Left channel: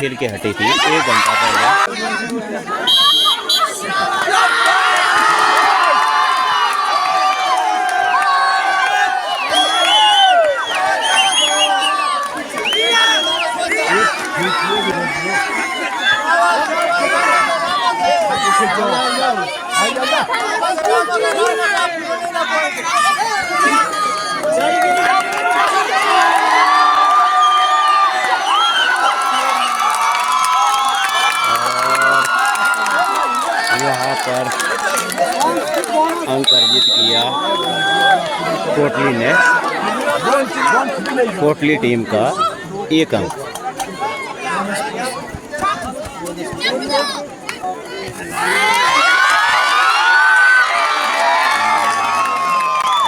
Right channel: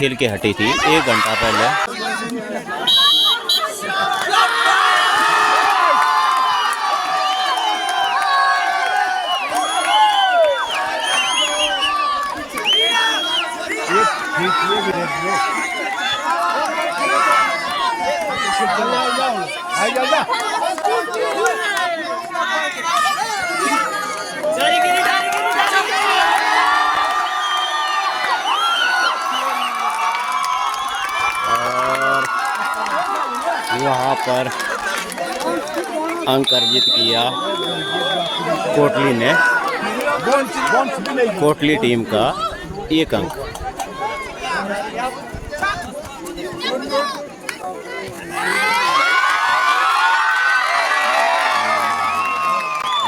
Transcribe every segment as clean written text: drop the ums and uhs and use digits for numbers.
खेल के हटी थी 1 घंटा पहले। यहाँ पर अंक अर्जित किया कोटली ने, कोटली टीम का 1 अंक।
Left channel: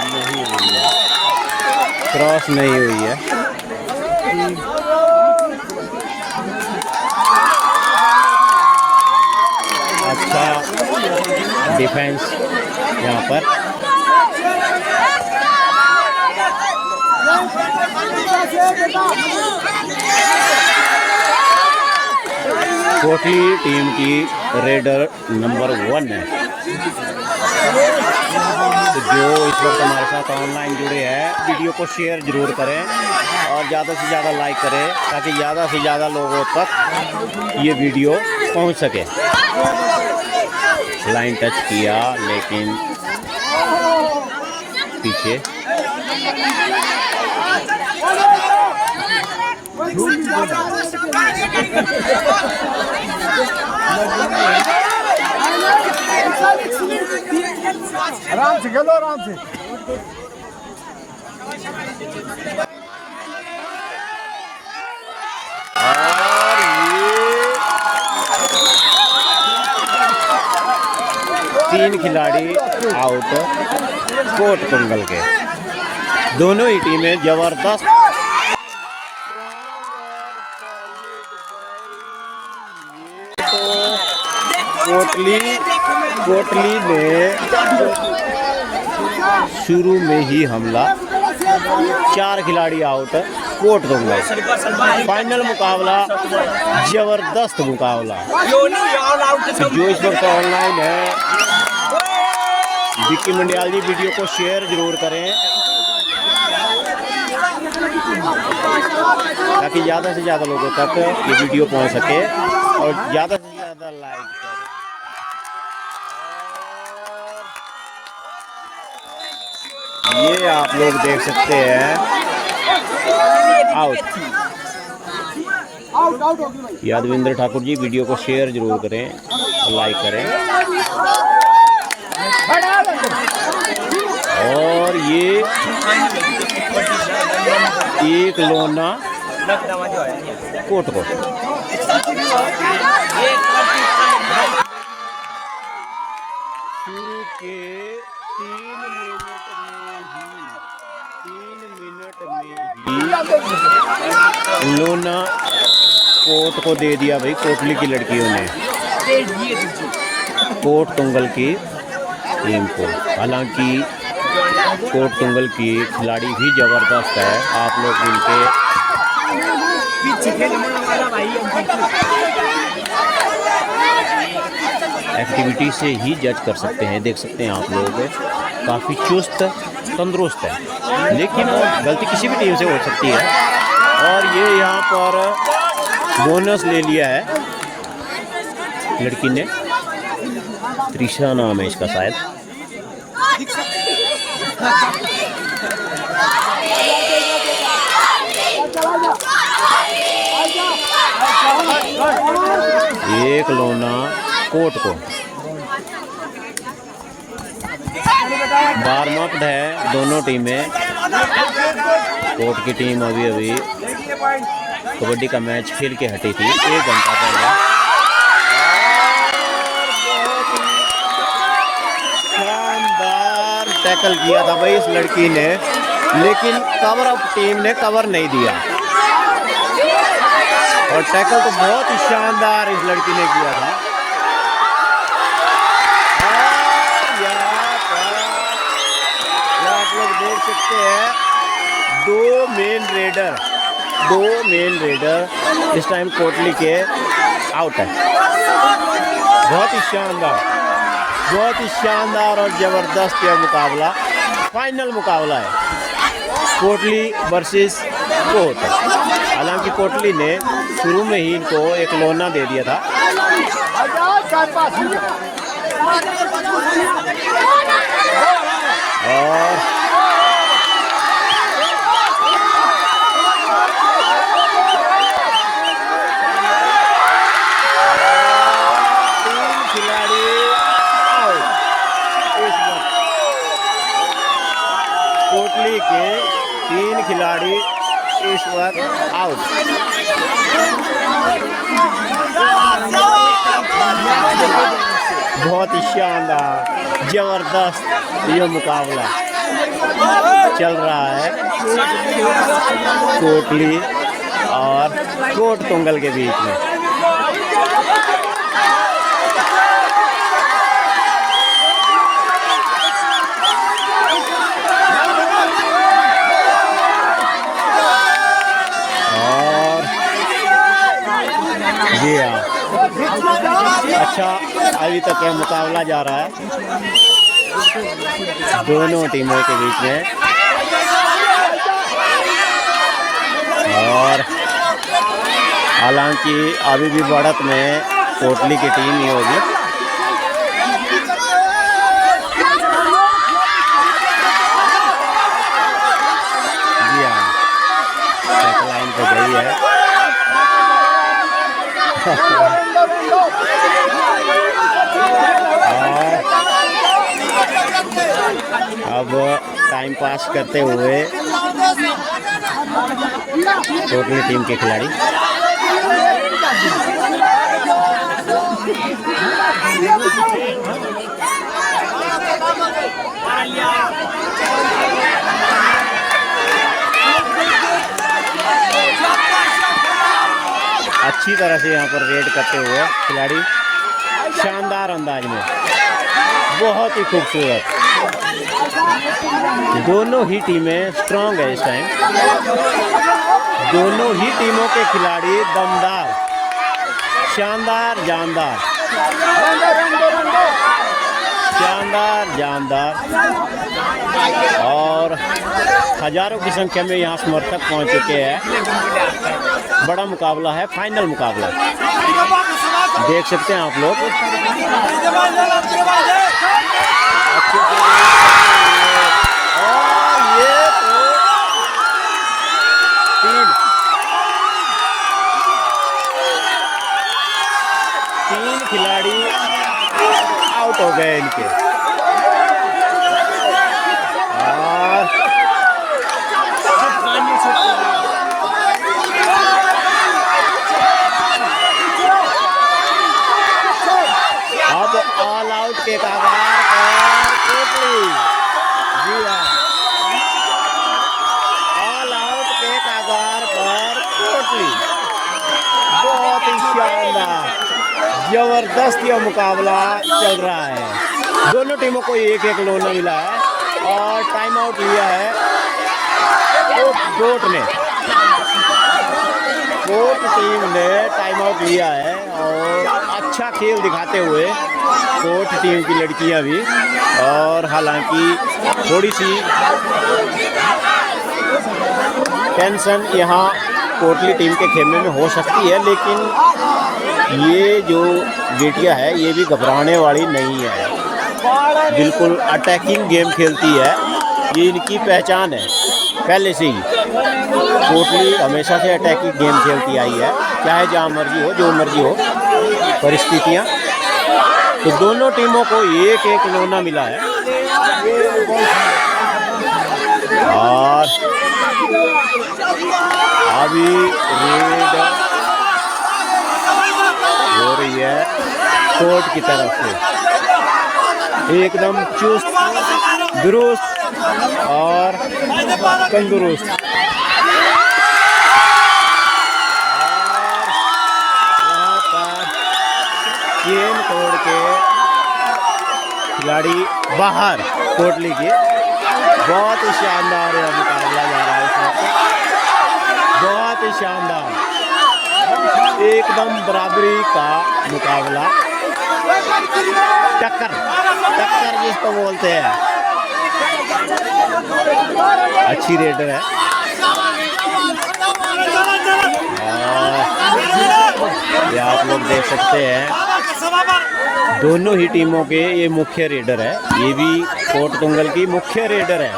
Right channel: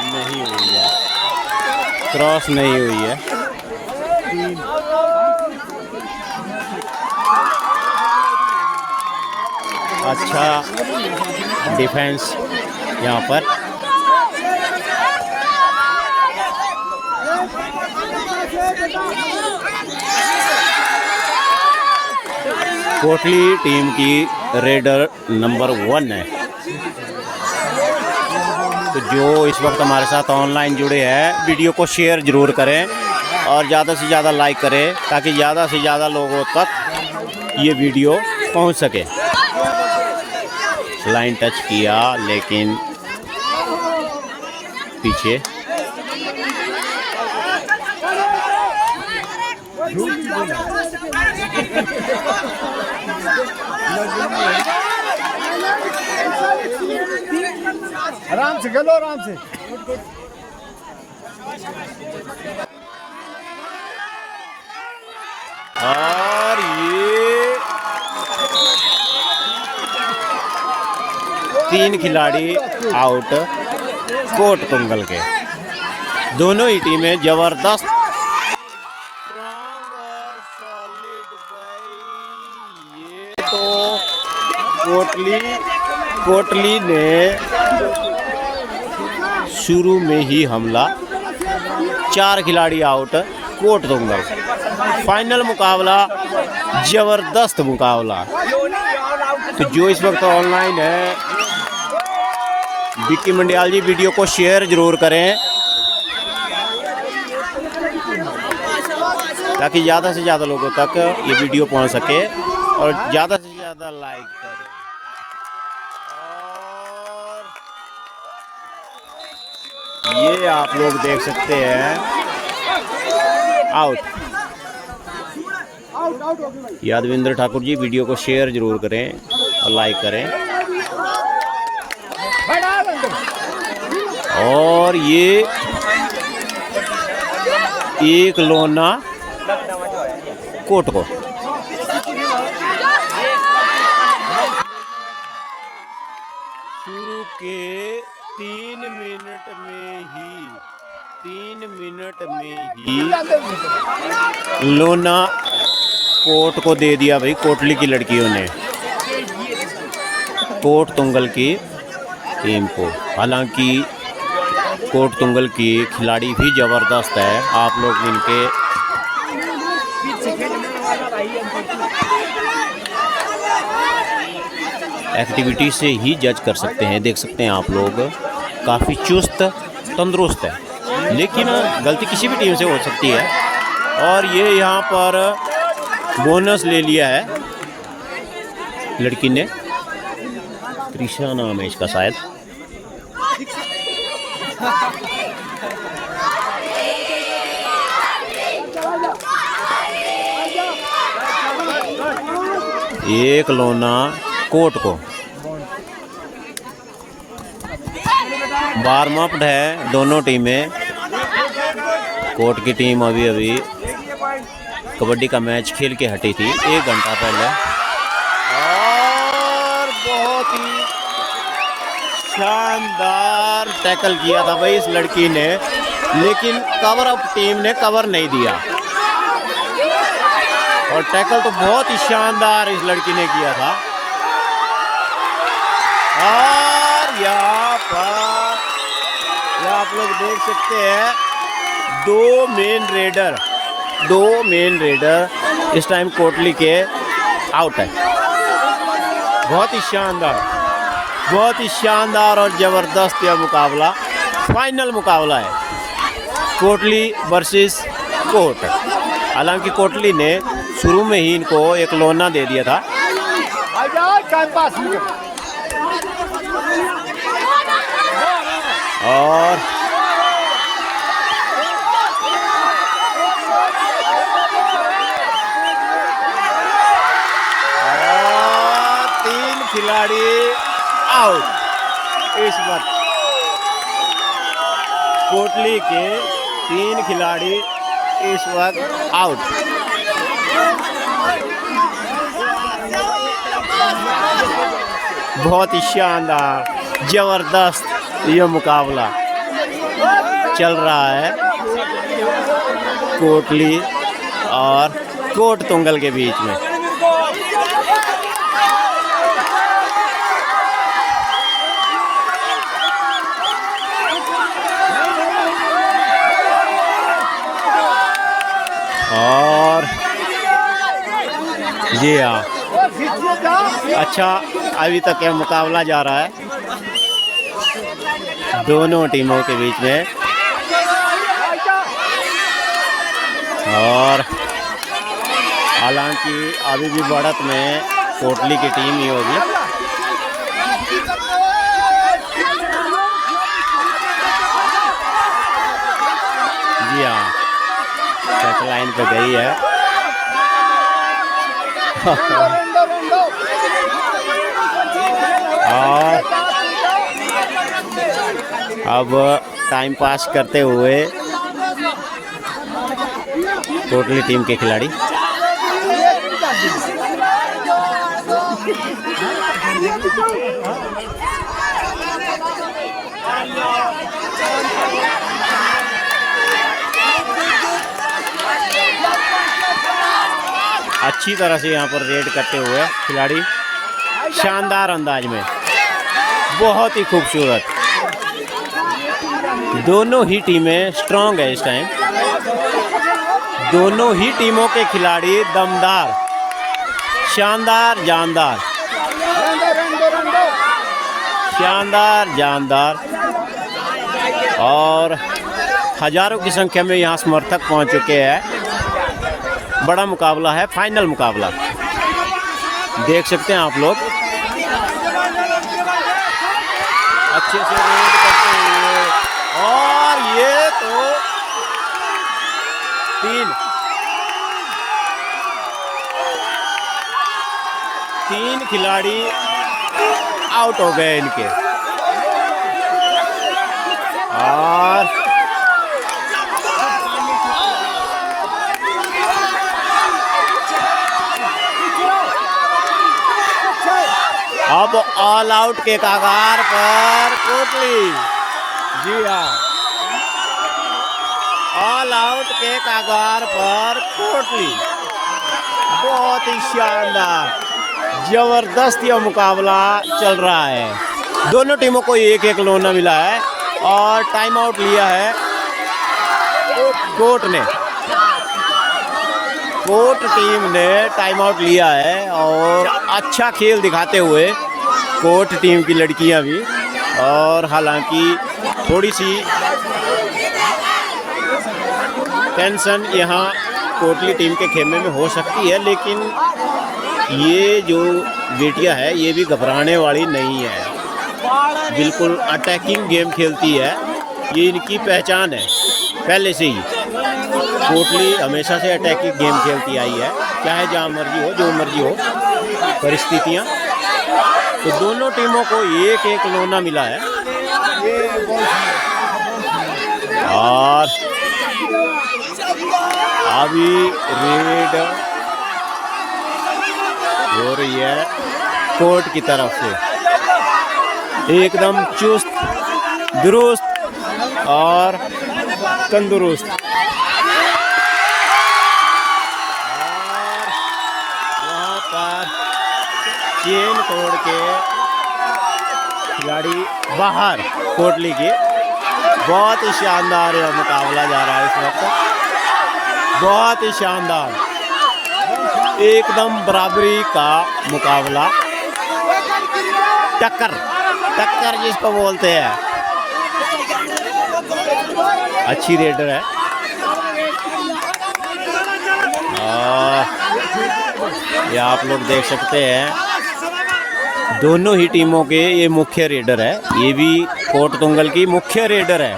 नहीं हुई है, क्रॉस नहीं हुई है। अच्छा डिफेंस यहाँ पर। कोटली टीम की रेडर नंबर 1 है। तो जो इस वक्त हमारे साथ ऑनलाइन जुड़े हैं, वीडियो को शेयर ज़रूर करें और ज़्यादा से ज़्यादा लाइक करें ताकि ज़्यादा से ज़्यादा लोगों तक ये वीडियो पहुंच सके। लाइन टच किया लेकिन पीछे। आराम से खेलो, आराम से। और ये 3 खिलाड़ी आउट कोट तुंगल के। दोनों ही टीमें जबरदस्त कोटली ने शुरू में ही हमला, 4 खिलाड़ी आउट कोट दूंगा। फाइनल मुकाबला जबरदस्त मुकाबला। तो जो इस वक्त ऑनलाइन है, विक्की मंडियाल जी वीडियो को शेयर जरूर करें ताकि ज़्यादा से ज़्यादा लोगों तक ये वीडियो पहुंच सके और ज़्यादा से ज़्यादा लाइक करें। ये आप लोग देख सकते हैं आउट। यादविंद्र ठाकुर जी वीडियो को शेयर जरूर करें और लाइक करें। और ये एक लोना कोट को शुरू के 3 मिनट में ही लोना कोट को दे दिया भाई। कोटली की लड़कियों ने कोट तुंगल की टीम को। हालांकि कोट तुंगल की खिलाड़ी भी जबरदस्त है। आप लोग इनके एक्टिविटी से ही जज कर सकते हैं। देख सकते हैं आप लोग काफ़ी चुस्त तंदुरुस्त है, लेकिन गलती किसी भी टीम से हो सकती है। और ये यहाँ पर बोनस ले लिया है लड़की ने, त्रिशा नाम है इसका शायद। एक लोना कोट को वार्म-अप है दोनों टीमें। कोट की टीम अभी कबड्डी का मैच खेल के हटी थी 1 घंटा पहले। और बहुत ही शानदार टैकल किया था भाई इस लड़की ने, लेकिन कवर अप टीम ने कवर नहीं दिया। और टैकल तो बहुत ही शानदार इस लड़की ने किया था। और यहाँ पर आप लोग देख सकते हैं दो मेन रेडर इस टाइम कोटली के आउट है। बहुत ही शानदार और ज़बरदस्त यह मुकाबला, फाइनल मुकाबला है कोटली वर्सेस कोट। हालांकि कोटली ने शुरू में ही इनको एक लोना दे दिया था। और तीन खिलाड़ी आउट इस वक्त। कोटली के 3 खिलाड़ी इस वक्त आउट। बहुत ही शानदार जबरदस्त ये मुकाबला चल रहा है कोटली और कोट तुंगल के बीच में। और जी हाँ, अच्छा अभी तक यह मुकाबला जा रहा है दोनों टीमों के बीच में। और हालांकि अभी भी बढ़त में कोटली की टीम ही होगी। जी हाँ, टच लाइन पे गई है। और अब टाइम पास करते हुए कोटली टीम के खिलाड़ी अच्छी तरह से यहाँ पर रेड करते हुए खिलाड़ी शानदार अंदाज में, बहुत ही खूबसूरत। दोनों ही टीमें स्ट्रांग है इस टाइम। दोनों ही टीमों के खिलाड़ी दमदार, शानदार, जानदार, शानदार, जानदार। और हजारों की संख्या में यहाँ समर्थक पहुँच चुके हैं। बड़ा मुकाबला है, फाइनल मुकाबला देख सकते हैं आप लोग। अच्छे से और ये तो तीन खिलाड़ी आउट हो गए इनके। और अब ऑल आउट के कगार पर कोटली। जी हाँ, ऑल आउट के कगार पर कोटली। बहुत ही शानदार जबरदस्त यह मुकाबला चल रहा है। दोनों टीमों को एक एक लोना मिला है और टाइम आउट लिया है कोट ने। कोट टीम ने टाइम आउट लिया है और अच्छा खेल दिखाते हुए कोट टीम की लड़कियां भी। और हालांकि थोड़ी सी टेंशन यहाँ कोटली टीम के खेमे में हो सकती है, लेकिन ये जो बेटियां है ये भी घबराने वाली नहीं है। बिल्कुल अटैकिंग गेम खेलती है, ये इनकी पहचान है पहले से ही। कोटली हमेशा से अटैकिंग गेम खेलती आई है, चाहे जहाँ मर्जी हो, जो मर्जी हो परिस्थितियाँ। तो दोनों टीमों को एक एक लोना मिला है। और अभी रेड हो रही है कोर्ट की तरफ से, एकदम चुस्त दुरुस्त और तंदुरुस्त। चेन तोड़ के खिलाड़ी बाहर कोटली की। बहुत ही शानदार मुकाबला जा रहा है इस वक्त, बहुत ही शानदार। एकदम बराबरी का मुकाबला, टक्कर टक्कर जिसको बोलते हैं। अच्छी रेडर है। ये आप लोग देख सकते हैं दोनों ही टीमों के ये मुख्य रेडर है। ये भी कोट तुंगल की मुख्य रेडर है।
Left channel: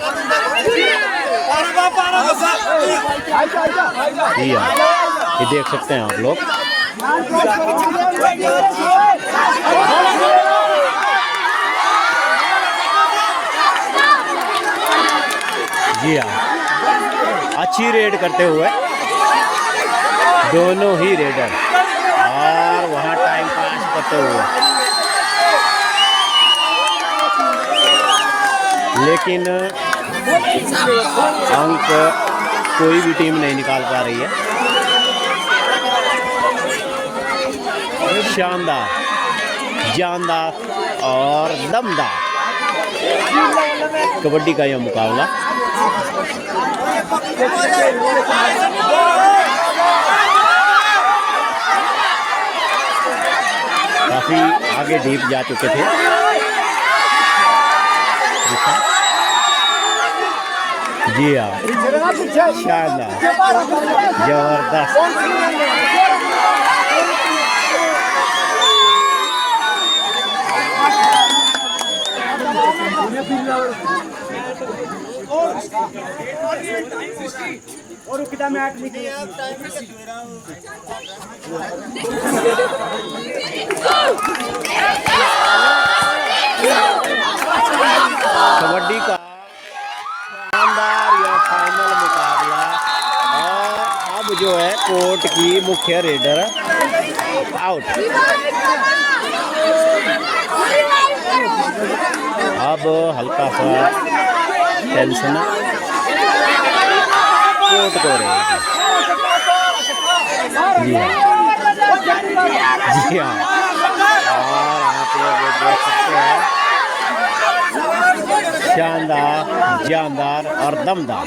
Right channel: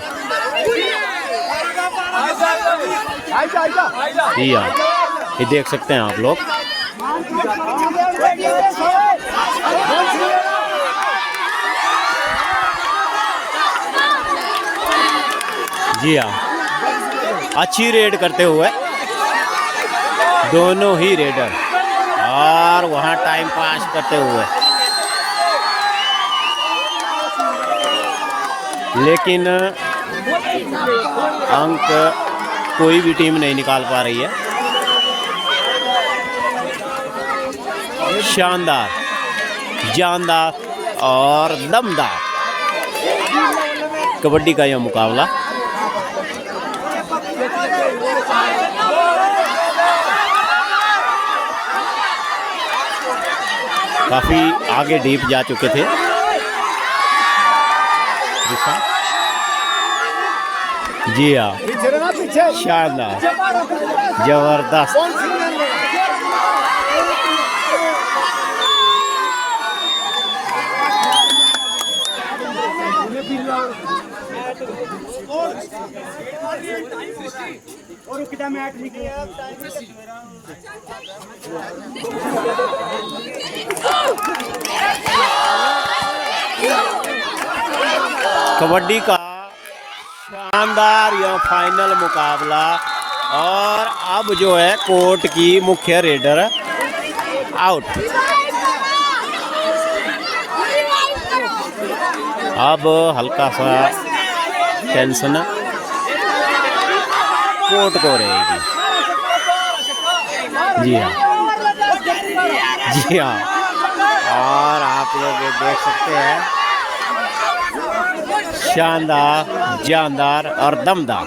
ये देख सकते हैं आप लोग। जी हाँ, अच्छी रेड करते हुए दोनों ही रेडर, और वहाँ टाइम पास करते हुए, लेकिन अंक कोई भी टीम नहीं निकाल पा रही है। शानदार, जानदार और दमदार कबड्डी का यह मुकाबला। काफी आगे डीप जा चुके थे। जी हाँ, शानदार, जबरदस्त। कबड्डी का शानदार यह फाइनल मुकाबला, और अब जो है कोर्ट की मुख्य रेडर आउट। अब हल्का सा टेंशन कोर्ट को रहेगी। जी हाँ, जी हाँ, और आप लोग देख सकते हैं शानदार, जानदार और दमदार।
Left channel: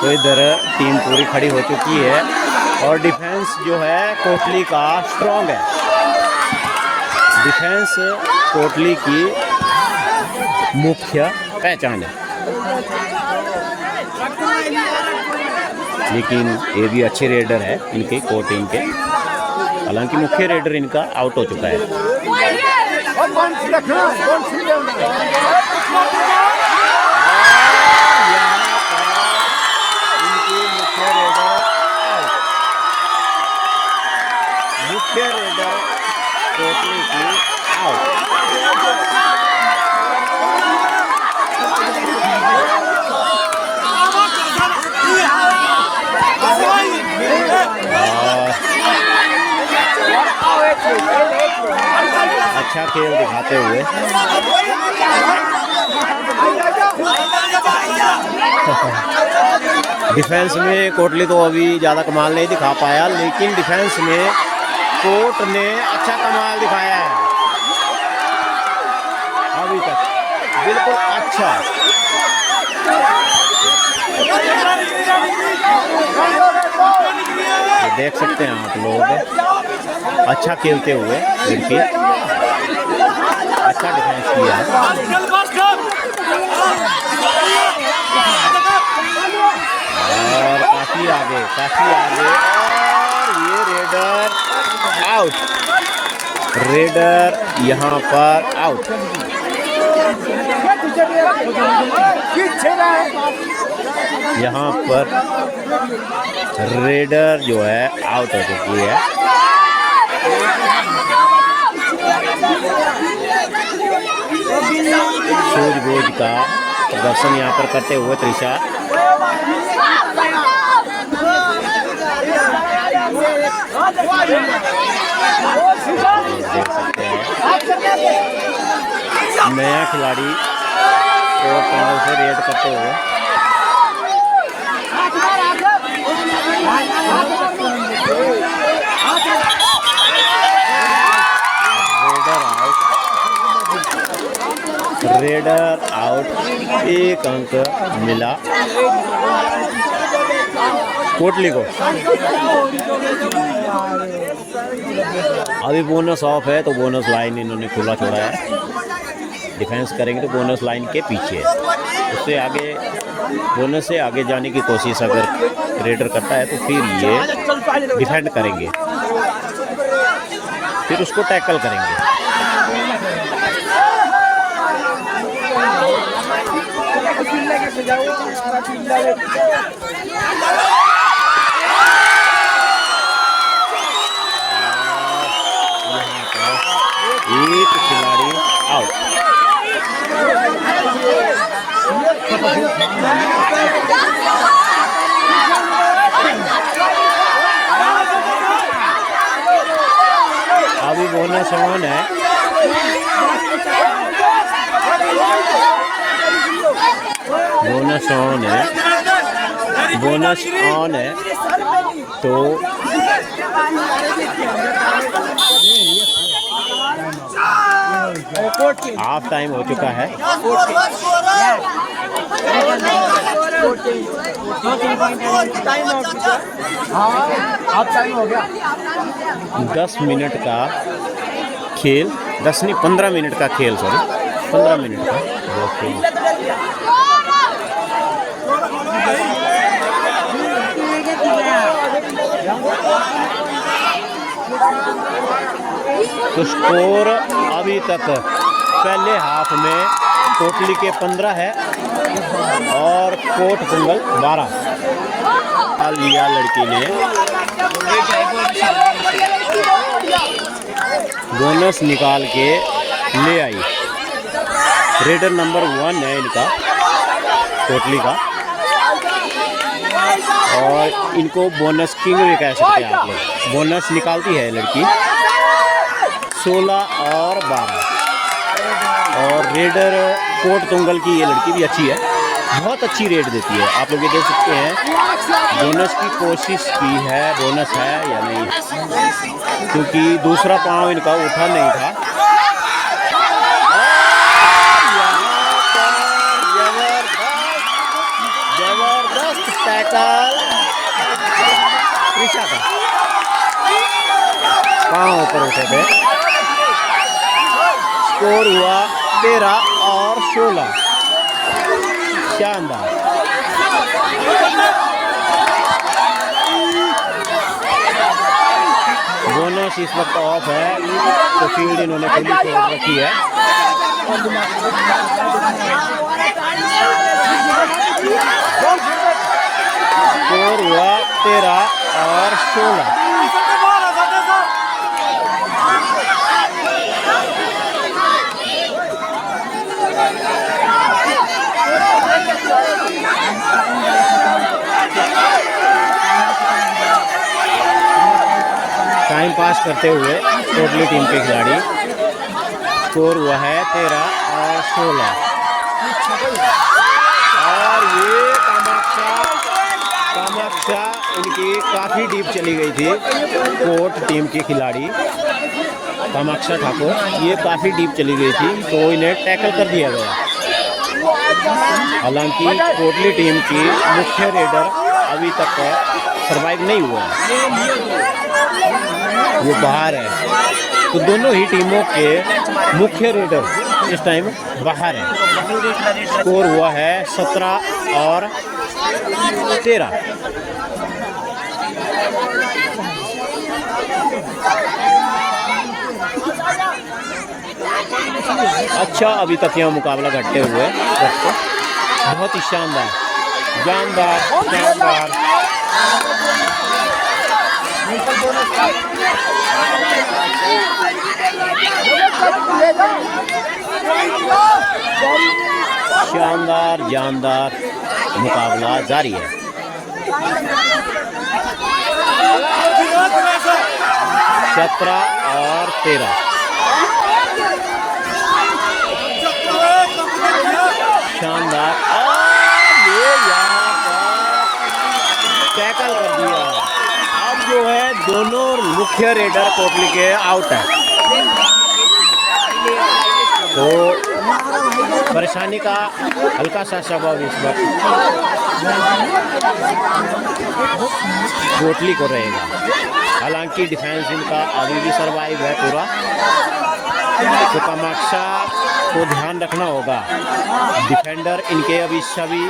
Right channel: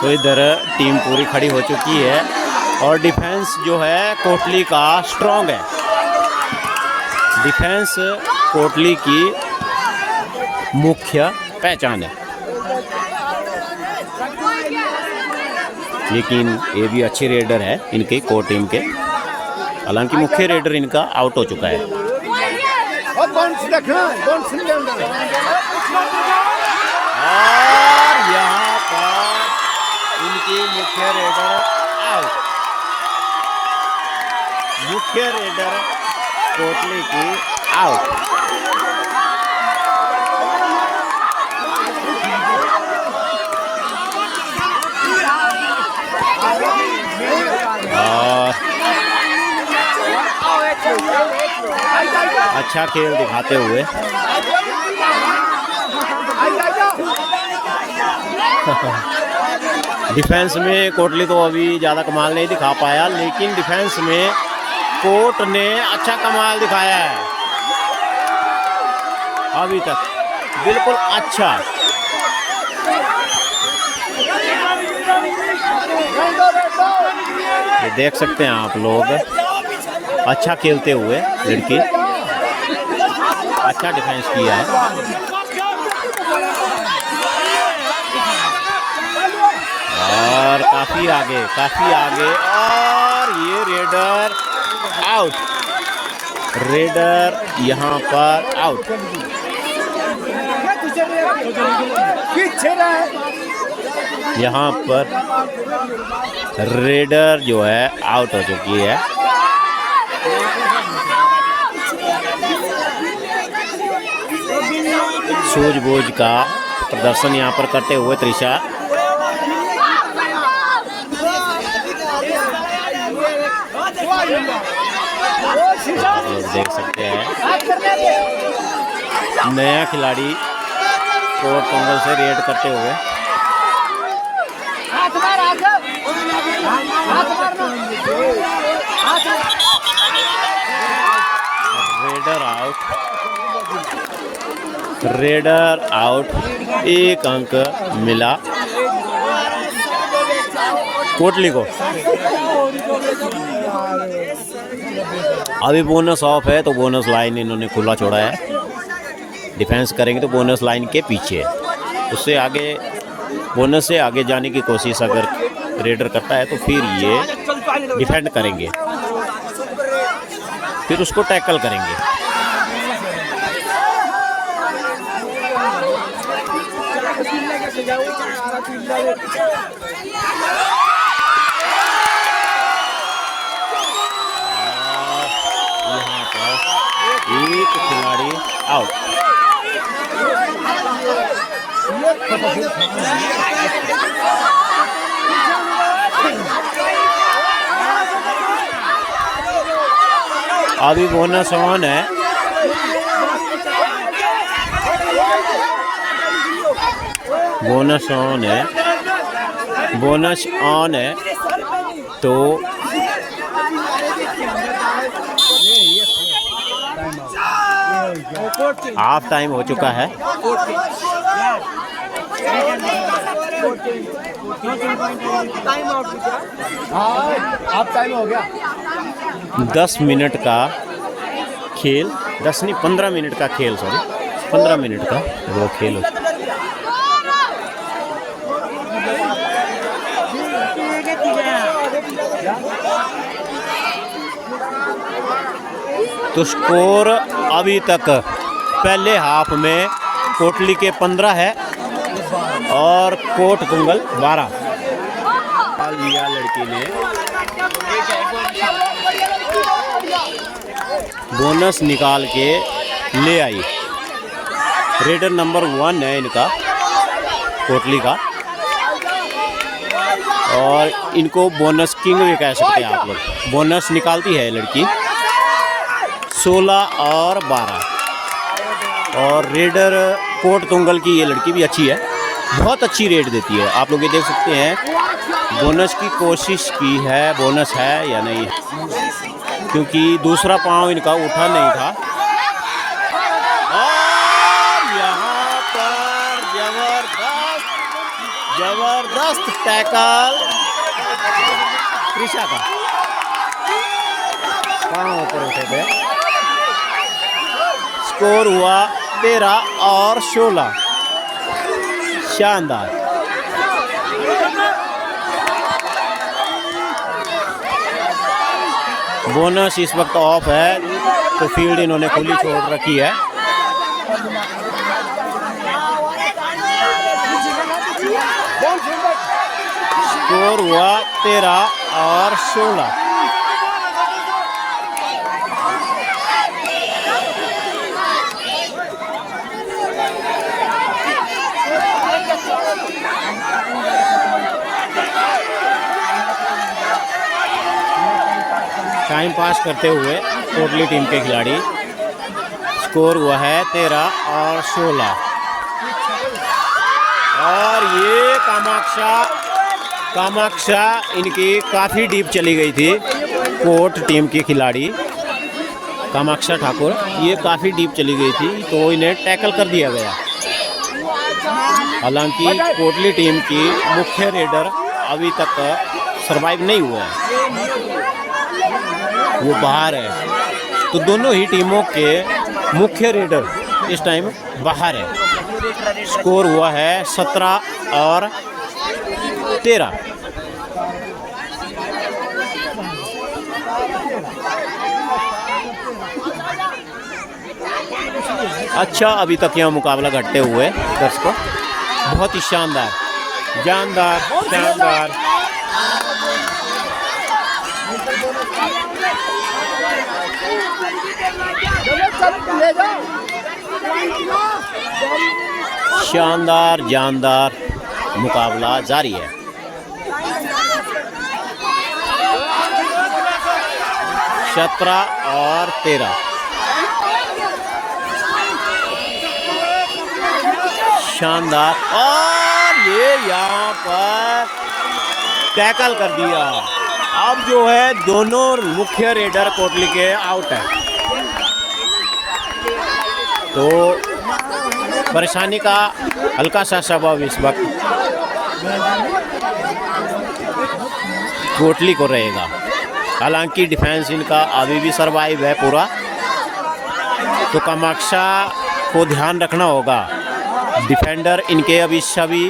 तो इधर टीम पूरी खड़ी हो चुकी है, और डिफेंस जो है कोटली का स्ट्रॉन्ग है। डिफेंस कोटली की मुख्य पहचान है। लेकिन ये भी अच्छे रेडर है इनके कोर टीम के, हालांकि मुख्य रेडर इनका आउट हो चुका है। और यहाँ पर इनकी मुख्य रेडर आउट। मुख्य रेडर कोटली की आउट। अच्छा खेल दिखाते हुए डिफेंस में कोटली तो अभी ज़्यादा कमाल नहीं दिखा पाया, लेकिन डिफेंस में कोट ने अच्छा कमाल दिखाया है अभी तक, बिल्कुल अच्छा। ये देख सकते हैं आप लोग, अच्छा खेलते हुए लड़की, अच्छा डिफेंस किया है। और काफी आगे, और ये रेडर आउट। रेडर यहाँ पर आउट। यहाँ पर रेडर जो है आउट हो चुकी है। सूझबूझ का प्रदर्शन यहाँ पर करते हुए त्रिशा, देख सकते हैं नया खिलाड़ी कोर्ट तुंगल से रेड करते हुए। Raider out. 1 अंक मिला कोटली को। अभी बोनस ऑफ है तो बोनस लाइन इन्होंने खुला छोड़ा है। डिफेंस करेंगे तो बोनस लाइन के पीछे, उससे आगे बोनस से आगे जाने की कोशिश अगर रेडर करता है तो फिर ये डिफेंड करेंगे, फिर उसको टैकल करेंगे। एक खिलाड़ी आउट। अभी बोनस ऑन है। बोनस ऑन है, बोनस ऑन है तो हाफ टाइम हो चुका है। हाफ टाइम हो गया। 10 मिनट का खेल, 10 नहीं 15 मिनट का खेल, सॉरी 15 मिनट का वो खेल। तो स्कोर अभी तक पहले हाफ में कोटली के 15 है और कोट कुंगल 12 लिया लड़की ने। बोनस निकाल के ले आई। रीडर नंबर 1 है इनका, कोटली का, और इनको बोनस किंग भी कह सकते हैं आप लोग। बोनस निकालती है लड़की 16 और 12, और रेडर कोट तुंगल की ये लड़की भी अच्छी है, बहुत अच्छी रेट देती है। आप लोग ये देख सकते हैं बोनस की कोशिश की है, बोनस है या नहीं, क्योंकि दूसरा पांव इनका उठा नहीं था। जबरदस्त टैकल ईशा का, पांव ऊपर उठे थे। स्कोर हुआ 13 और 16। शानदार। बोनस इस वक्त ऑफ है तो फील्ड इन्होंने खुली छोड़ रखी है। स्कोर हुआ 13 और 16। टाइम पास करते हुए कोटली टीम के खिलाड़ी। स्कोर हुआ है 13 और 16। और ये कामाक्षा इनकी काफ़ी डीप चली गई थी। कोट टीम के खिलाड़ी कामाक्षा ठाकुर, ये काफ़ी डीप चली गई थी तो इन्हें टैकल कर दिया गया। हालांकि कोटली टीम की मुख्य रेडर अभी तक सरवाइव नहीं हुआ है, वो बाहर है। तो दोनों ही टीमों के मुख्य रेडर इस टाइम बाहर है। स्कोर हुआ है 17 और 13। अच्छा, अभी तक यह मुकाबला घटते हुए दर्शकों बहुत ही शानदार, जानदार, शानदार। शानदार जानदार मुकाबला जारी है। सत्रह और 13। शानदार, और ये यहाँ पर टैकल कर दिया। अब जो है दोनों मुख्य रेडर कोटली के आउट हैं। तो परेशानी का हल्का सा सबब इस वक्त कोटली को रहेगा। हालांकि डिफेंस इनका अभी भी सरवाइव है पूरा, तो कामाक्षा को ध्यान रखना होगा। डिफेंडर इनके अभी सभी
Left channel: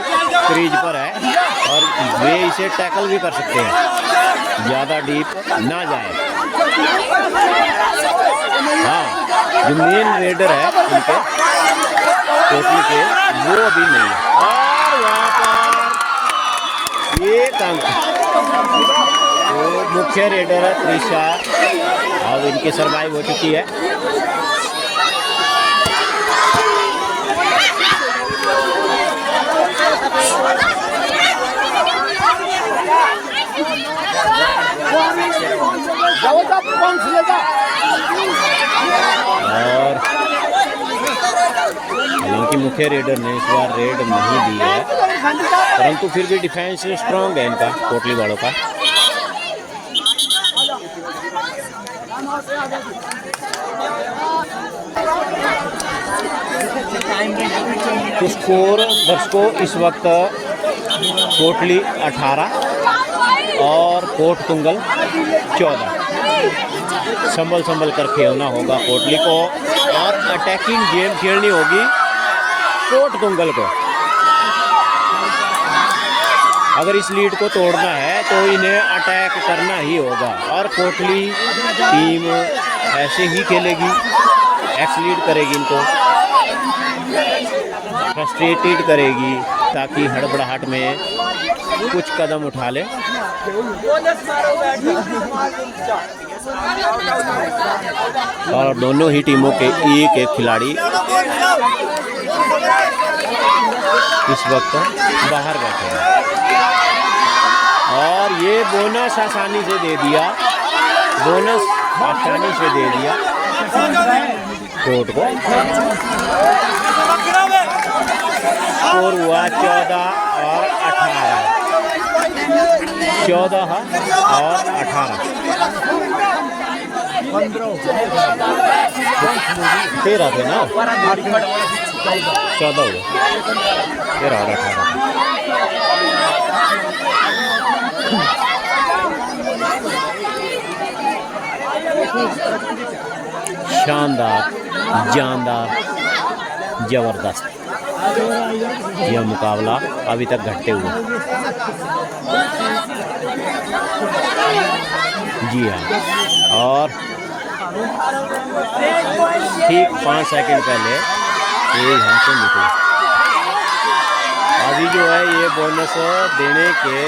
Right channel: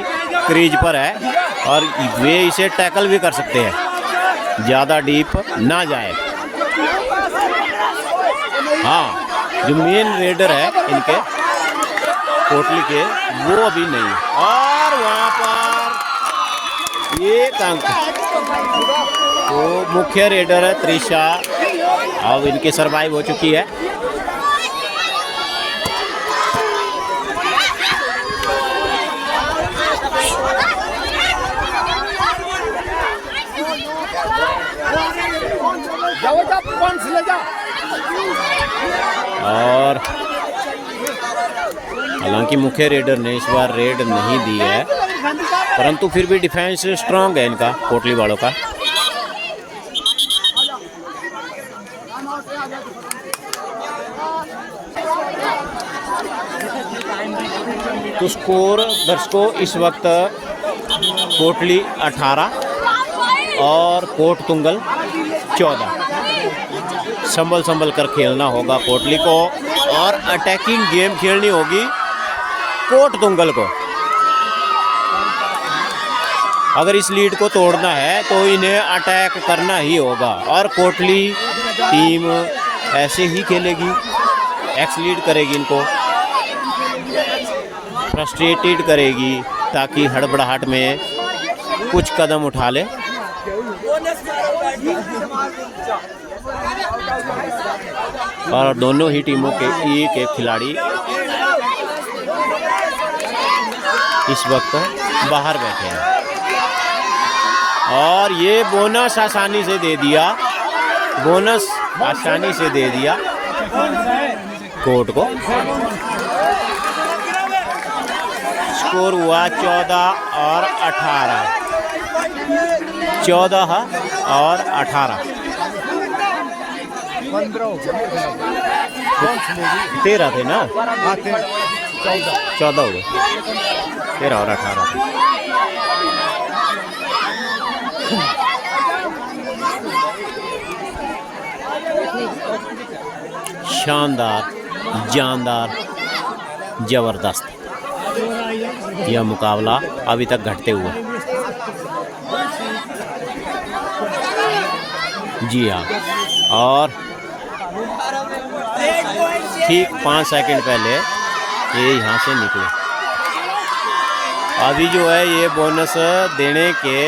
क्रीज पर है और वे इसे टैकल भी कर सकते हैं, ज़्यादा डीप ना जाए। हाँ, जो मेन रेडर है इनके कोटली के, वो अभी नहीं है। और वहाँ पर एक अंक, तो मुख्य रेडर है त्रिशा, अब इनकी सरवाइव हो चुकी है। और हालांकि मुख्य रेडर ने इस बार रेड नहीं दी है, परंतु फिर भी डिफेंस स्ट्रांग है इनका, कोटली वालों का। स्कोर दर्शकों इस वक्त कोटली 18 और कोट तुंगल 14। संभल कर खेलना होगा कोटली को और अटैकिंग गेम खेलनी होगी कोट तुंगल को। अगर इस लीड को तोड़ना है तो इन्हें अटैक करना ही होगा और कोटली टीम ऐसे ही खेलेगी, एक्स लीड करेगी, इनको फ्रस्ट्रेटेड करेगी ताकि हड़बड़ाहट में कुछ कदम उठा ले। और दोनों ही टीमों के एक एक खिलाड़ी इस वक्त बाहर बैठे हैं और ये बोनस आसानी से दे दिया, कोर्ट को। स्कोर हुआ 14 और 18, 14 और 18, 13 थे ना, 14 हो गए, 13 और 18। शानदार, जानदार, जबरदस्त यह मुकाबला अभी तक घटते हुए। जी हाँ, और ठीक 5 सेकंड पहले ये यहाँ से निकले। अभी जो है ये बोनस देने के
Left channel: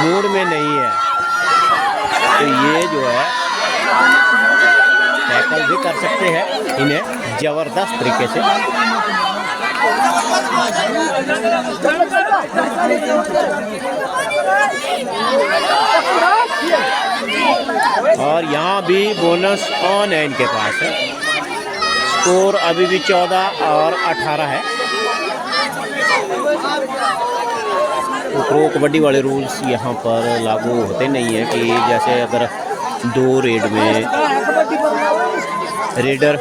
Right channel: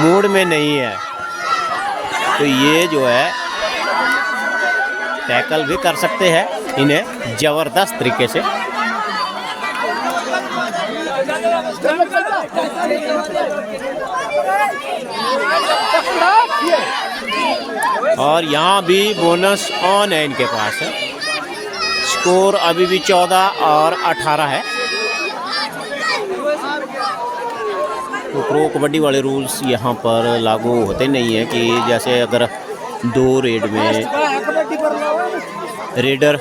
मूड में नहीं है, तो ये जो है टैकल भी कर सकते हैं इन्हें जबरदस्त तरीके से। और यहाँ भी बोनस ऑन है इनके पास। स्कोर अभी भी 14 और 18 है। प्रो कबड्डी वाले रूल्स यहाँ पर लागू होते नहीं है कि जैसे अगर 2 रेड में रेडर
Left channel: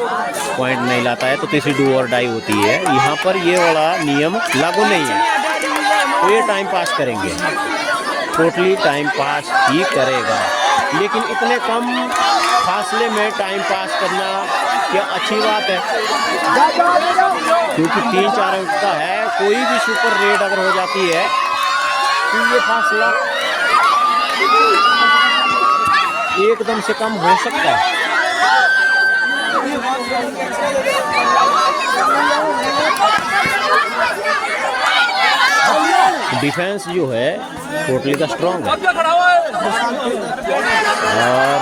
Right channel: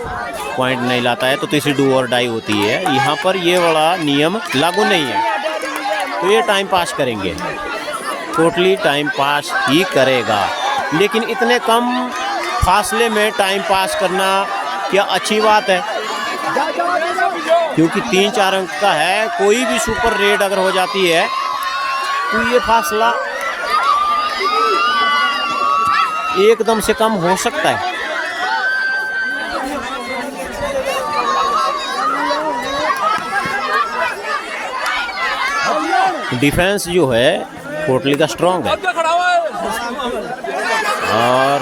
पॉइंट नहीं लाता है तो तीसरी डू और डाई होती है। यहाँ पर ये वाला नियम लागू नहीं है, तो ये टाइम पास करेंगे, टोटली टाइम पास ही करेगा। लेकिन इतने कम फासले में टाइम पास करना क्या अच्छी बात है, क्योंकि 3-4 अंक का है। कोई भी सुपर रेड अगर हो जाती है तो ये फासला एकदम से कम हो सकता है। डिफेंस जो है कोटली का स्ट्रॉन्ग है और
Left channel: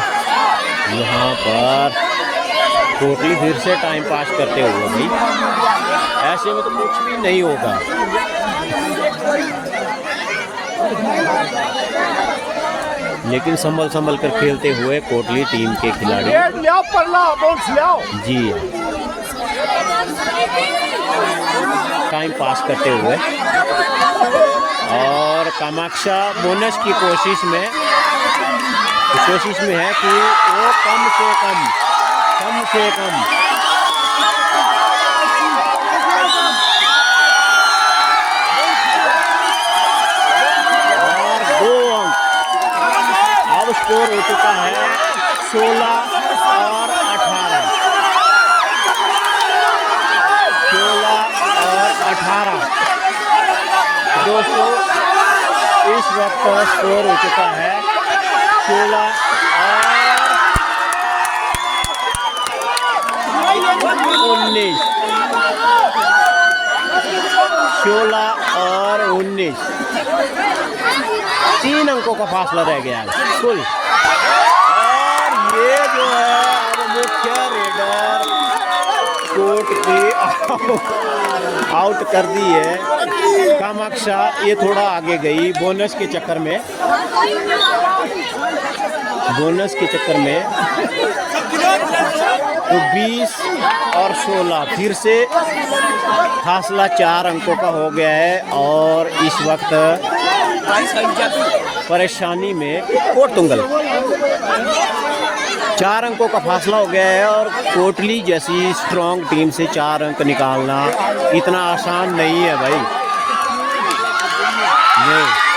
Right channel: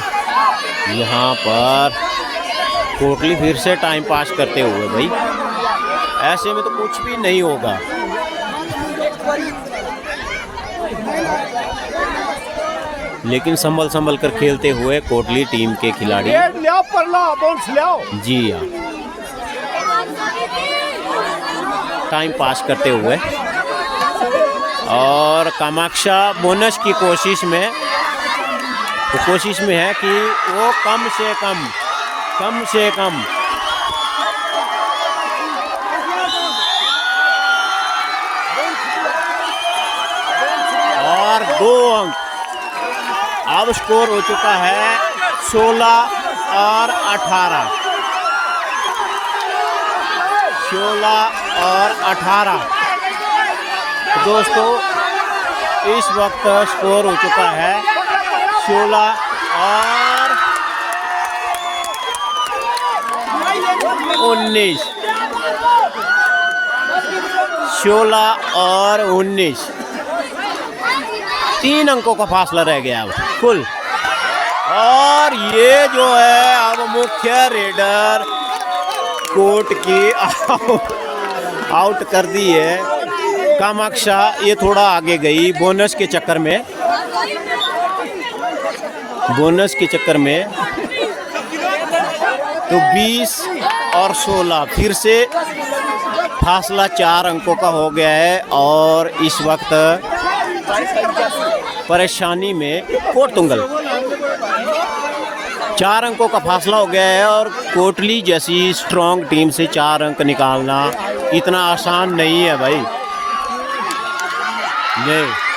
यहाँ पर कोटली फिर से टाइम पास करते हुए, भाई ऐसे में तो कुछ भी नहीं होगा। लेकिन संभल कर खेलते हुए कोटली टीम के खिलाड़ी। जी टाइम पास करते हुए और कामाक्षा बोनस की कोशिश में है कि वो कम से कम अब स्कोर हो चुका है 16 और 18। 16 और 18 दोस्तों, इस वक्त स्कोर हो चुका है 16 और 19। 16 और 19, 3 अंकों का फासला रह गया अब फुल। और ये जो है अब मुख्य रेडर कोर्ट की आउट कर दी है। कामाक्षा ये थोड़ा आगे गई बोनस के चक्कर में। तो 20 और 16 फिर से फासला 4 अंकों का हो गया है। और इस वक्त परेशानी में कोटुंगल 4 अंकों का फासला हो गया है। और कोटली जैसी स्ट्रॉन्ग टीम से 4 अंक निकालना इतना आसान नहीं है भाई।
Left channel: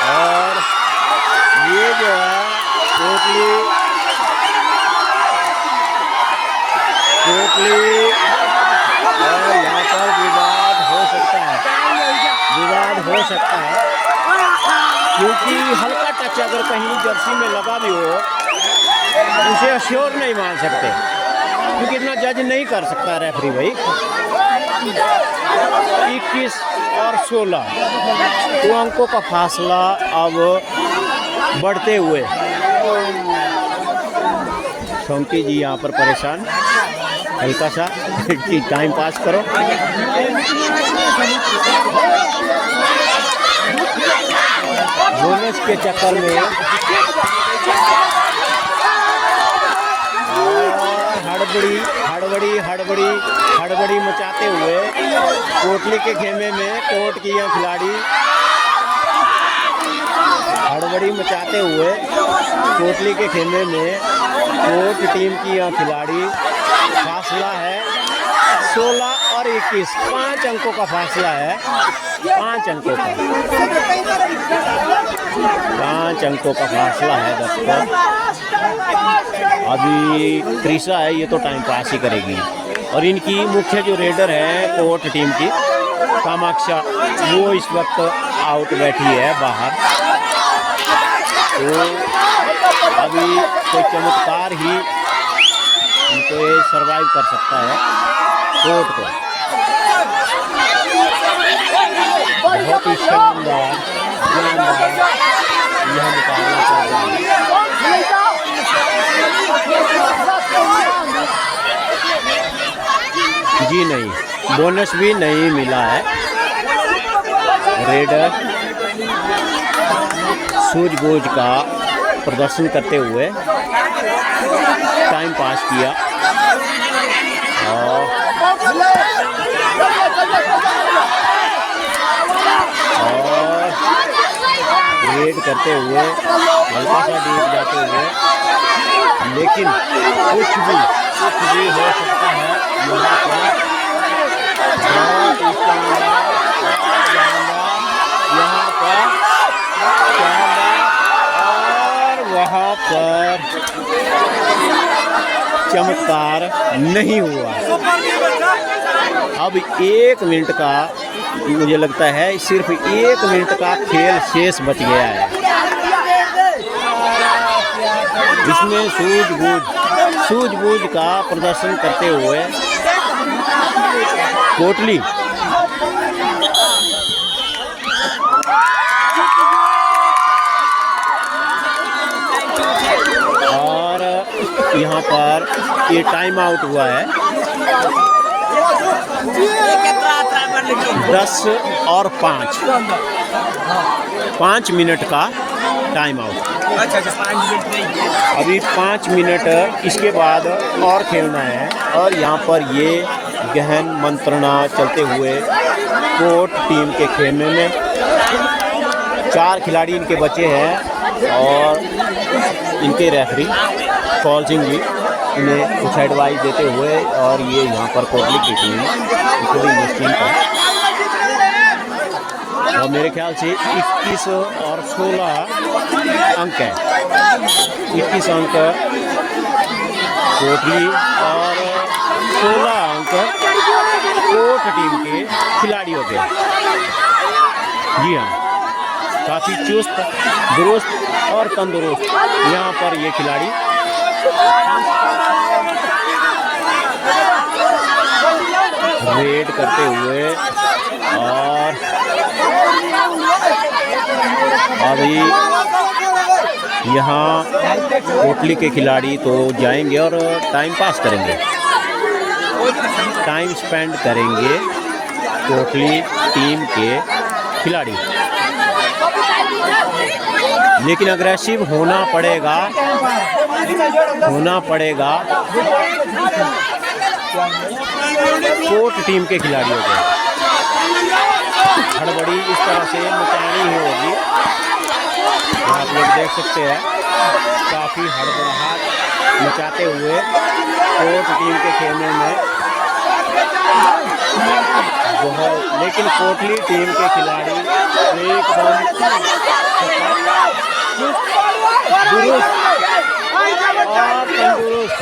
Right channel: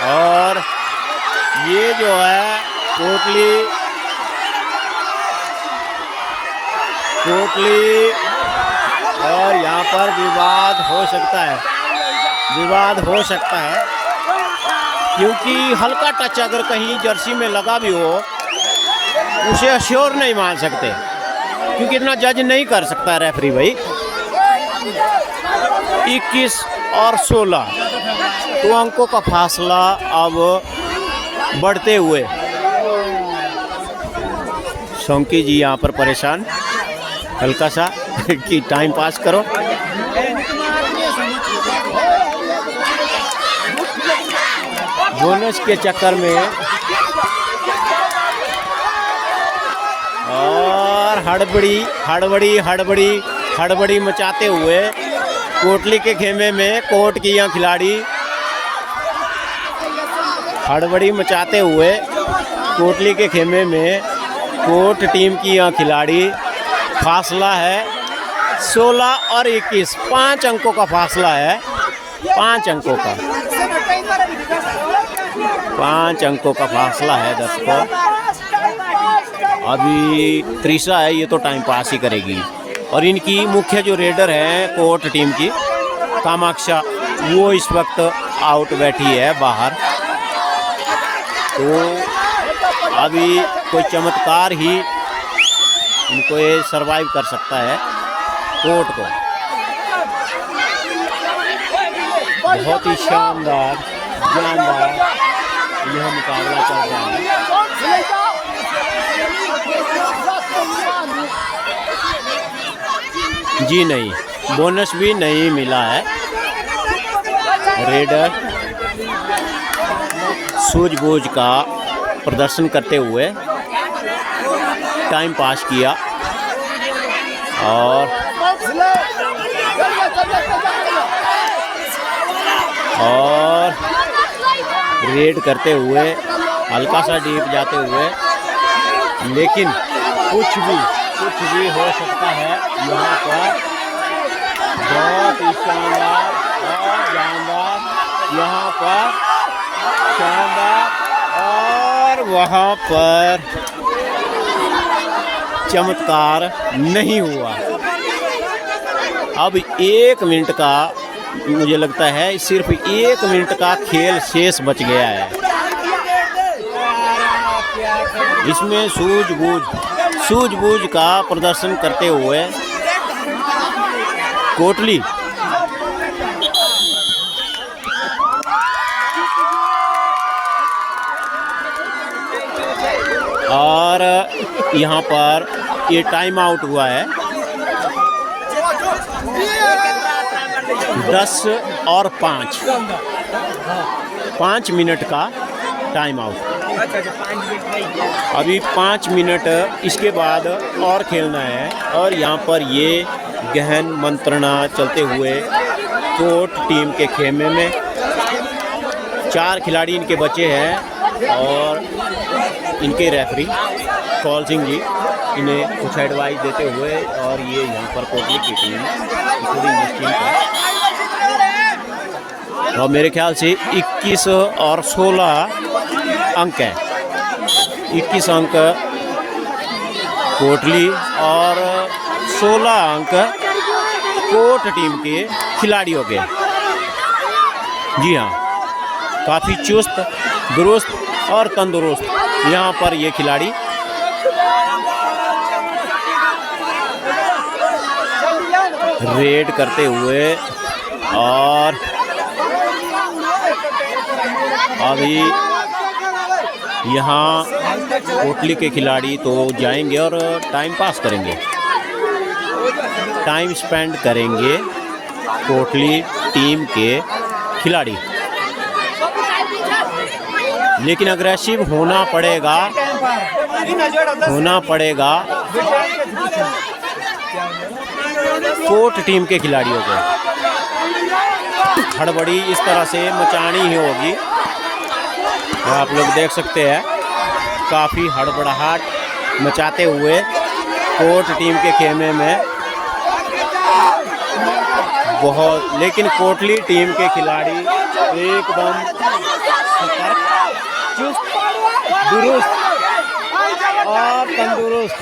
और ये जो है कोटली यहाँ पर विवाद हो सकता है क्योंकि हल्का टच अगर कहीं जर्सी में लगा भी हो उसे अश्योर नहीं मान सकते क्योंकि इतना जज नहीं कर सकता रेफरी भाई। 21 और 16 तो अंकों का फासला अब बढ़ते हुए। शौकी जी यहाँ पर परेशान, हल्का सा टाइम पास करो। बोनस के चक्कर में और हड़बड़ी मचाते हुए कोटली के खेमे में कोर्ट की यहाँ खिलाड़ी हड़बड़ी मचाते हुए कोटली के खेमे में कोर्ट टीम की यहाँ खिलाड़ी। फासला है 16 और 21, 5 अंकों का फासला है। 5 अंकों का फासला है दोस्तों। अभी त्रिशा है, ये तो टाइम पास ही करेगी। और इनकी मुख्य जो रेडर है कोर्ट टीम की कामाक्षा, वो इस वक्त आउट बैठी है बाहर। तो अभी कोई चमत्कार ही इनको ये सरवाइव कर सकता है कोर्ट को। बहुत ही शानदार यह मुकाबला चल रहा है। जी नहीं, बोनस भी नहीं मिला है। रेडर सूझबूझ का प्रदर्शन करते हुए टाइम पास किया और रेड करते हुए हल्का सा डीप जाते हुए, लेकिन कुछ भी हो सकता है यहाँ पर। बहुत शानदार और शानदार यहाँ पर शानदार, और वहाँ पर चमत्कार नहीं हुआ। अब 1 मिनट का, मुझे लगता है सिर्फ 1 मिनट का खेल शेष बच गया है, जिसमें सूझबूझ का प्रदर्शन करते हुए कोटली और यहाँ पर ये टाइम आउट हुआ है 10 और 5 मिनट का टाइम आउट। अभी 5 मिनट इसके बाद और खेलना है। और यहाँ पर ये गहन मंत्रणा चलते हुए कोर्ट टीम के खेमे में 4 खिलाड़ी इनके बचे हैं और इनके रेफरी कौल सिंह जी इन्हें कुछ एडवाइस देते हुए, और ये यहाँ पर कोटली की टीम थोड़ी निश्चिंत है। और मेरे ख्याल से 21 और 16 अंक है। 21 अंक कोटली और 16 अंक कोट टीम के खिलाड़ियों के। जी हाँ, काफ़ी चुस्त दुरुस्त और तंदुरुस्त यहाँ पर ये खिलाड़ी रेड करते हुए। और अभी यहाँ कोटली के खिलाड़ी तो जाएंगे और टाइम पास करेंगे, टाइम स्पेंड करेंगे कोटली टीम के खिलाड़ी। लेकिन अग्रेसिव होना पड़ेगा कोट टीम के खिलाड़ियों को। हड़बड़ी इस तरह से मचानी ही होगी। आप लोग देख सकते हैं काफ़ी हड़बड़ाहट मचाते हुए कोट टीम के खेमे में बहुत। लेकिन कोटली टीम के खिलाड़ी एकदम दुरुस्त और तंदुरुस्त।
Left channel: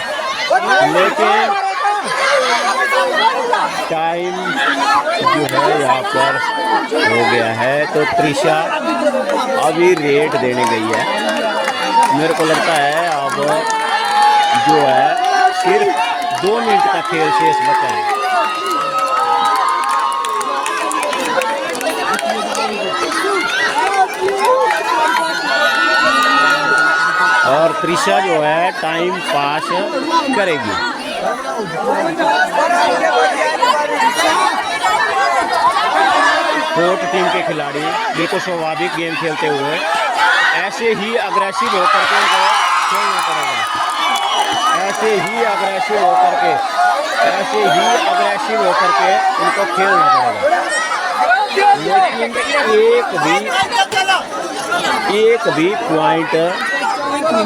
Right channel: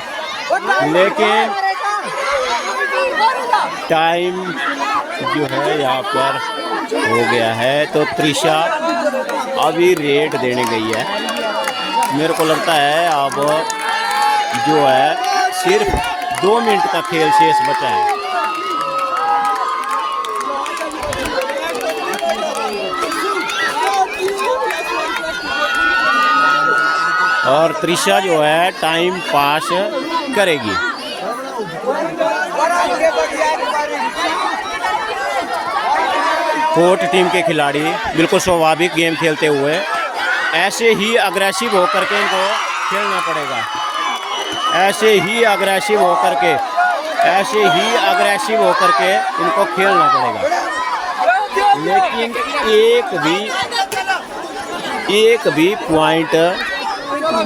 लेकिन टाइम जो है यहाँ पर हो गया है, तो त्रिशा अभी रेट देने गई है। मेरे को लगता है अब जो है सिर्फ 2 मिनट का खेल शेष बचा है। और त्रिशा जो है टाइम पास करेगी। कोट टीम के खिलाड़ी बिल्कुल स्वाभाविक गेम खेलते हुए ऐसे ही अग्रेसिव होकर के इनको खेलना पड़ेगा। ऐसे ही अग्रेसिव होकर के इनको खेलना पड़ेगा। लेकिन एक भी पॉइंट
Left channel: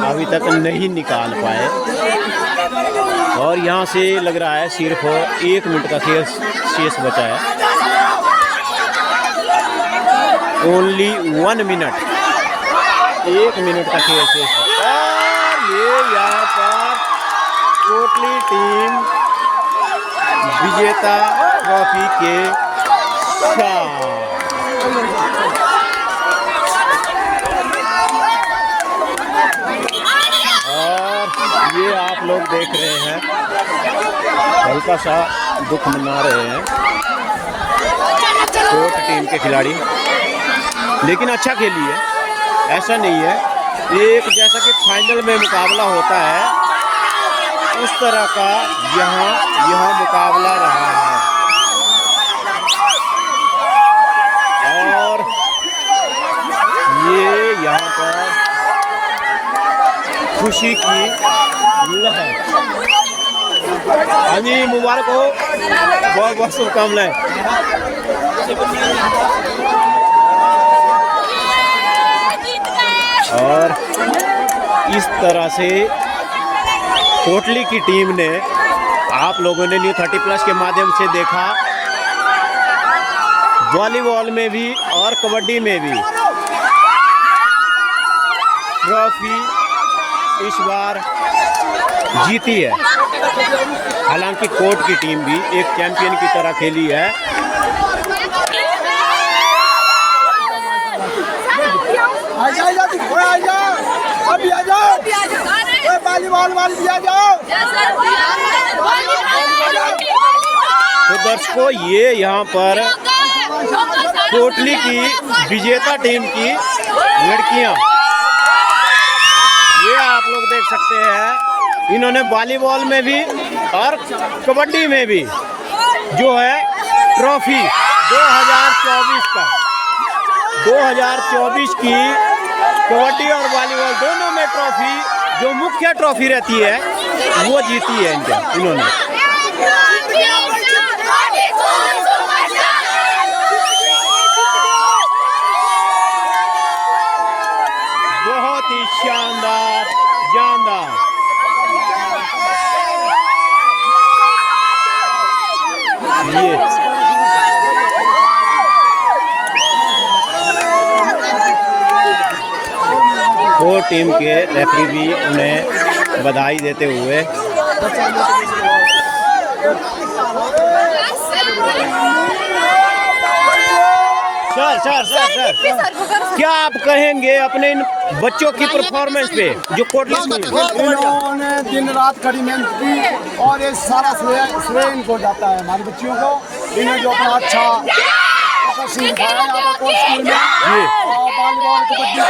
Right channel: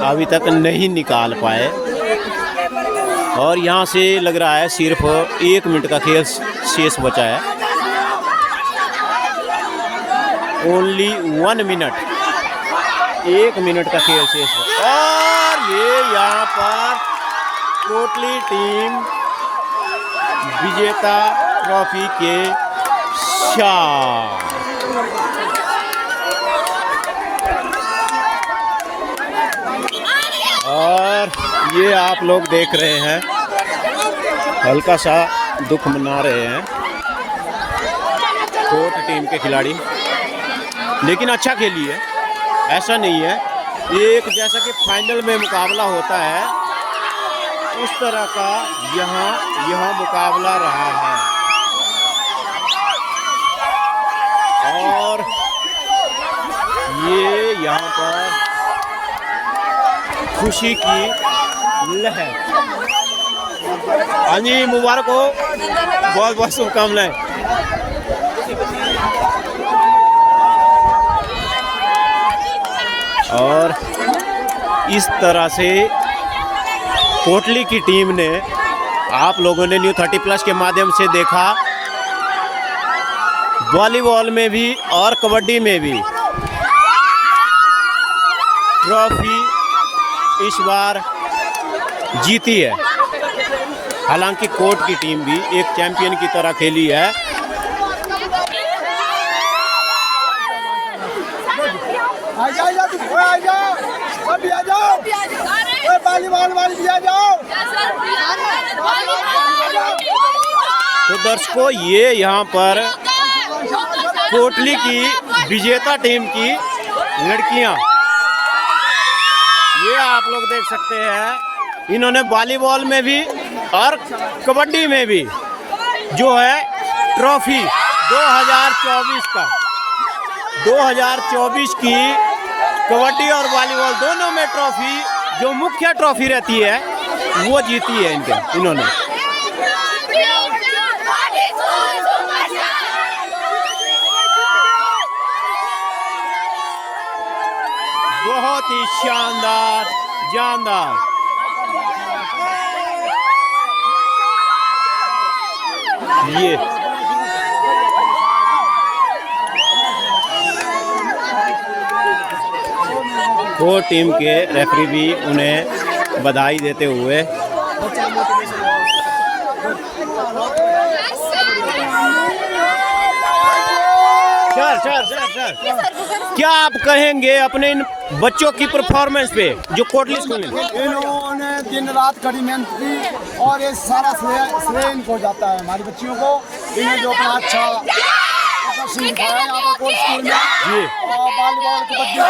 अभी तक नहीं निकाल पाए। और यहाँ से लग रहा है सिर्फ 1 मिनट का खेल शेष बचा है। ओनली 1 मिनट, 1 मिनट का खेल शेष है। और ये यहाँ पर कोटली टीम विजेता ट्रॉफी के साथ। और ये आप लोग देख रहे हैं हल्का सा दुख मना रहे हैं कोट टीम के खिलाड़ी। लेकिन अच्छा खेली है, ऐसा नहीं है। एक जैसा कि फाइनल में मुकाबला होता है उस तरह का यहाँ मुकाबला रहा है। और ये यहाँ पर खुशी की लहर। हाँ जी, मुबारक हो, बहुत बहुत शुभकामनाएं। और इस तरह से कोटली की टीम ने, आप लोगों ने न्यू 30+ के माध्यम से देखा, वॉलीबॉल में भी और कबड्डी में भी ट्रॉफी इस बार जीती है। हालांकि कोट की टीम भी एक चैंपियन की तरह खेली है। तो दर्शकों, ये यहाँ पर कोटली की विजेता टीम की लड़कियाँ, ये आप लोग देख सकते हैं, इन्होंने वॉलीबॉल में भी और कबड्डी में भी जो है ट्रॉफी 2024 की कबड्डी और वॉलीबॉल दोनों में ट्रॉफी, जो मुख्य ट्रॉफी रहती है वो जीती है इन्होंने। बहुत ही शानदार, जानदार। ये दो टीम के रेफरी भी उन्हें बधाई देते हुए। सर, क्या आप कहेंगे अपने इन बच्चों की परफॉर्मेंस पे जो कोटली में? इन्होंने दिन रात कड़ी मेहनत की और ये सारा श्रेय इनको जाता है हमारे बच्चियों को। इन्हें जो अपना अच्छा प्रदर्शन दिखाया यहाँ पर कोर्स स्कूल में और वॉलीबॉल कबड्डी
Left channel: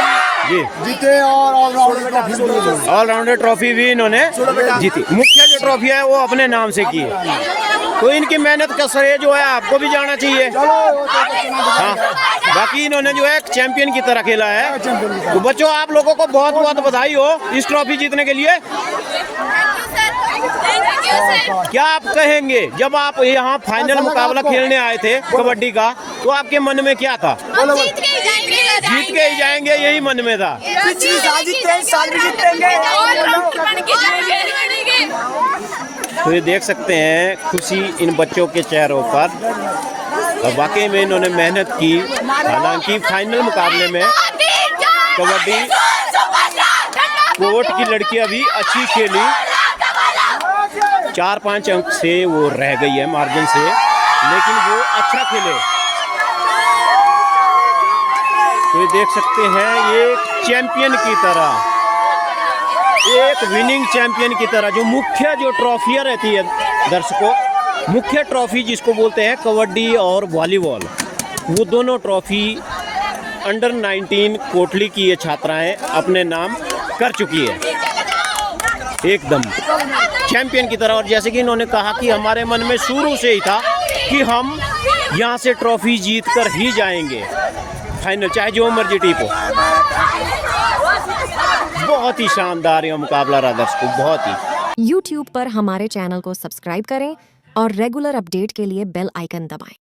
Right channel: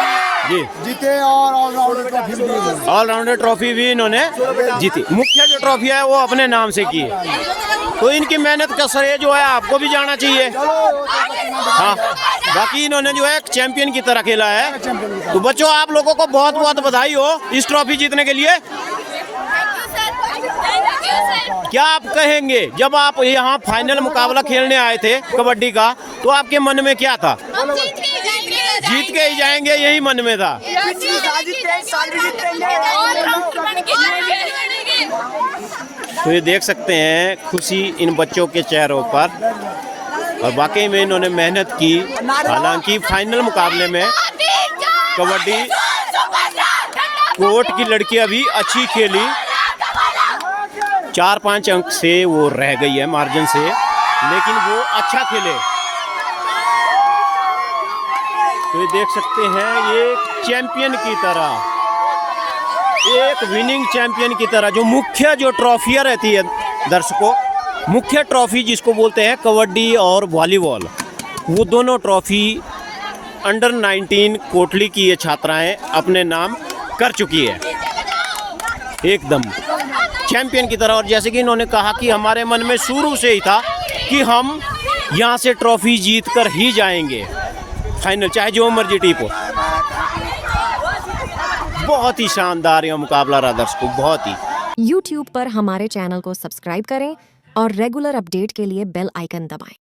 जीते और ऑलराउंडर ट्रॉफी भी इन्होंने जीती। मुख्य जो ट्रॉफी है वो अपने नाम से की है, तो इनकी मेहनत का श्रेय जो है आपको भी जाना चाहिए। हाँ, बाकी इन्होंने जो है चैंपियन की तरह खेला है। तो बच्चों, आप लोगों को बहुत बहुत बधाई हो इस ट्रॉफी जीतने के लिए। क्या आप कहेंगे, जब आप यहाँ फाइनल मुकाबला खेलने आए थे कबड्डी का, तो आपके मन में क्या था? जीत के ही जाएंगे, यही मन में था। तो ये देख सकते हैं खुशी इन बच्चों के चेहरों पर, और वाकई में इन्होंने मेहनत की। हालांकि फाइनल मुकाबले में कबड्डी कोर्ट की लड़कियां भी अच्छी खेली, 4-5 अंक से वो रह गई है मार्जिन से, लेकिन वो अच्छा खेले। ये देख सकते हैं, ये चैंपियन की तरह, एक विनिंग चैंपियन की तरह, जो मुख्य जो ट्रॉफियाँ रहती है दर्शकों, मुख्य ट्रॉफी जिसको बोलते हैं कबड्डी और वॉलीबॉल, वो दोनों ट्रॉफी अंडर 19 कोटली की ये छात्राएं अपने नाम कर चुकी है, एकदम चैंपियन की तरह। और जैसे कि इन्होंने कहा कि हमारे मन में शुरू से ही था कि हम यहाँ से ट्रॉफी जीत कर ही जाएंगे फाइनल, चाहे जो मर्जी टीम हो। बहुत ही शानदार यह मुकाबला रहा दर्शकों, बहुत ही। YouTube पर हमारे चैनल को सब्सक्राइब करें और रेगुलर अपडेट के लिए बेल आइकन दबाएं।